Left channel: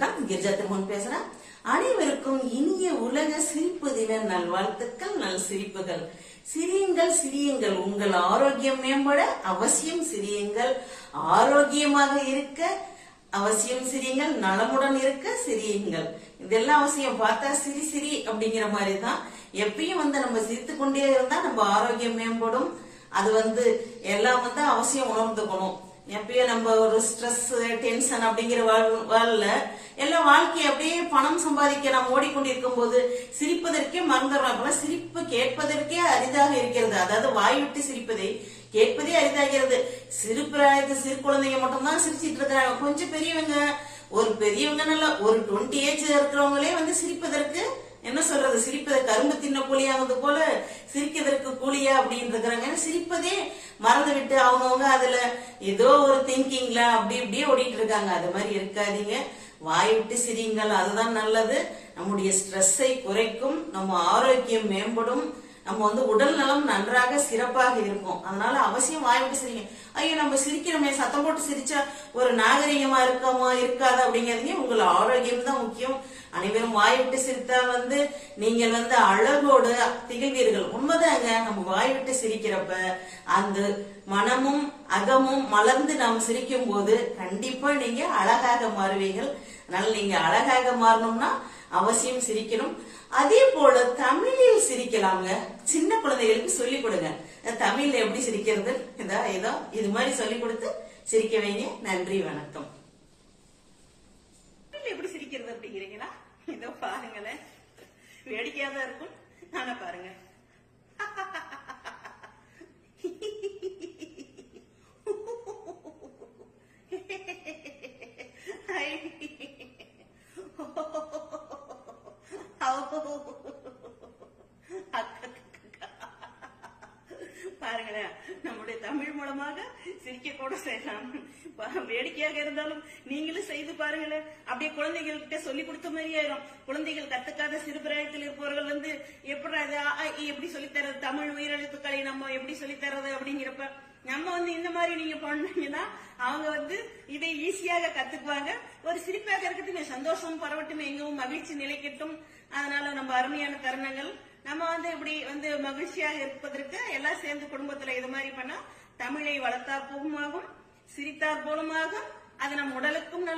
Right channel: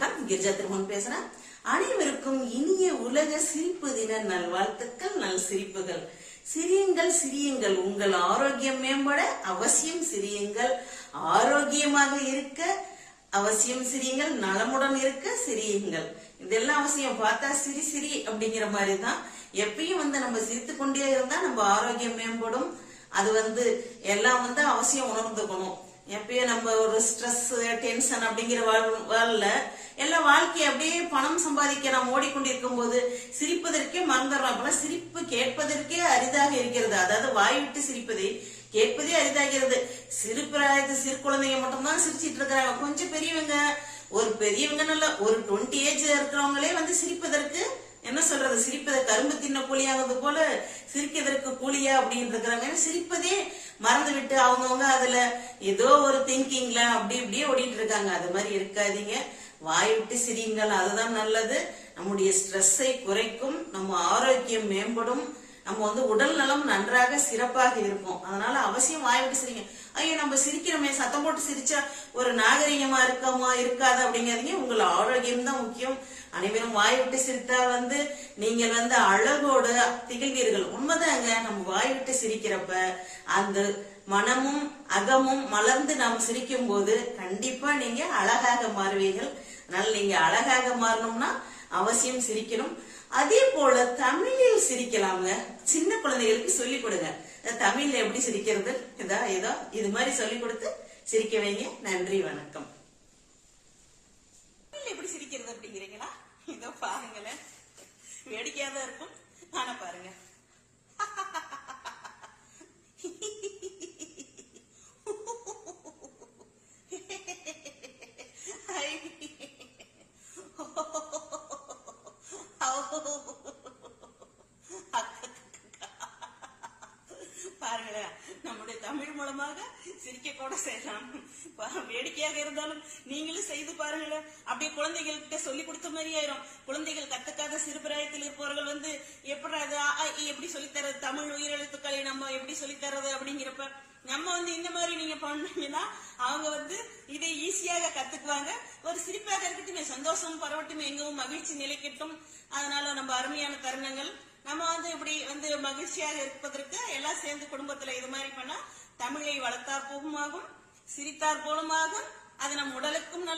கிரிஜா திருமன் பேசுறேன். அனைவருக்கும் இனிய உலக சிரிப்பு தின நல்வாழ்த்துக்கள். நல் சிரிப்புகள். சிரியுங்கள் சிரியுங்கள், உங்கள் ஆரோக்கியம் மேம்பட அவசியம் சிரியுங்கள். ஆரோக்கியமாக இருக்க அவசியம் சிரியுங்கள். நலமுடன் இருக்க சிரியுங்கள். இதெல்லாம் அவசியம். பார்த்தா சிரி சிரி அப்படிங்கிற மாதிரிதான். எப்பயும் நம்ம சிரித்து கொண்டே இருந்தா நம்ம ஆரோக்கியம் மேம்படும். அது எல்லாம் அவசியம் உணர்ந்துக்கணும். எப்பயும் நம்ம ஒரு ஸ்ட்ரெஸ் டென்ஷன் அப்படிங்கிற வாழ்ல எல்லாம் வாழ்க்கையை அப்படியே பணம் சம்பாதிக்க நாம் ஓடிக்கொண்டிருக்கும் போது சிரிப்பதற்கே மறந்துடுறோம். அப்பெல்லாம் சிரிப்பு கேட்பதற்கே அரிதாக இருக்கிறது. அதாவது வாய் விட்டு சிரிப்பதை கேட்பதே அரிதாகிறது. சிறு பிராயத்து சிறு குழந்தைங்க மட்டும்தான் சிரிச்சிட்டு இருக்கிறாங்க. கொஞ்சம் பெரியவங்க, ஒரு பெரியவங்க நல்ல ஒரு 20 ஏஜ் இருக்கிறவங்களே சிரிப்பதற்கு என்ன சொல்றது, சிரிப்பதை கரும்பு தின்ன கூலியாவது போல சிரிக்கிறதற்கு கூலியா அப்படின்னு இருக்கிறாங்க. சிரிப்பதே மறந்து விட்டு அவங்கவுங்க அதுல ஏதோ ஒரு திங்கிங்ல அப்படி இப்படியே ஓடிட்டு இருக்காங்க. அது மாதிரி இருக்காதீங்க. வாய் விட்டு சிரியுங்கள். அதுதான் நல்லது. நம்முடைய ஸ்ட்ரெஸ்ஸை குறைக்கும், நம்ம ஆரோக்கியம் மேம்படும், நம்ம உடல் நலம் நன்றாக சிறப்பாக இருக்கும். அதனால அவசியம் வாய் விட்டு சிரிங்க. ஐயோ நம்ம சிரிக்கிறோமே, சத்தம் போட்டு சிரிச்சா ஒரு நாகரிகமா இருக்கமா இருக்காது அப்படிங்கிறீங்க. உங்கள் ஆரோக்கியம் தான் முக்கியம். அனைவரும் வாய் விட்டு சிரித்தா நீங்கள் அழகோடு திகழ்வீர்கள். உண்மைதாங்க. நம்ம வாய் விட்டு சிரிக்கிறப்ப அந்த மனமும் அகமும் மலர்ந்து நாம் சிரிக்கும் போது கண்டிப்பா நீங்க அழகாக மாறுவீர்கள். அதனால நீங்க அழகாக மாறணும்னா அவசியம் சிரிக்கணும். அதே போல தமிழில் சிரிக்கலாங்க. சின்ன குழந்தைகளுக்கு சொல்லிக் கொடுங்க. தமிழ்ல எப்படி சிரிக்கிறது, ஏதோ இது மாதிரி சொல்லிக் கொடுத்து சிரிக்க வைங்க. நன்றி, வணக்கம். எப்படி சிரிக்கிறது அப்படிங்கிறீங்களா? இதோ பாருங்களேன், வேடிக்கையா தான் இருக்கும். ஆனா பாருங்க, பாருங்களேன், நம்முடைய தமிழ் மூலமாக சிரிக்க கூட செய்யலாம். வேடிக்கையாக இருந்தாலும் நீங்களும் செய்து பாருங்களேன். அப்படியே குழந்தைகள் கிட்ட சொல்லி கொடுத்த மாதிரி ஆயிரும். குழந்தைகள் கத்துக்காத சிறுபிராயத்தில் இருப்பவர்கள் எப்படி சொல்லித்தரது, தமிழ் உயிரெழுத்துக்களை நம்ம எப்படி சொல்லித்தரது அப்படிங்கிறப்ப நம்ம இந்த மாதிரி நீங்க பண்ணீங்கன்னா அவங்க இதை ஈஸியாக கத்துக்குவாங்க. ஒரு சிரிப்பாக இருக்கட்டும், சந்தோஷம் பரவட்டும், எங்கவும் மகிழ்ச்சி நிலைக்கட்டும். அதனால நம்ம அருமையான தருணங்கள் நம்ம இப்படி மகிழ்ச்சியாக இருப்பதற்கு எல்லாம் சேர்ந்து குடும்பத்துல இது மாதிரி பண்ணா தமிழை வளர்த்தார் போகுமாகும், சிரித்தார் போலுமாகும். அது நம் உடலுக்கும் நல்லது.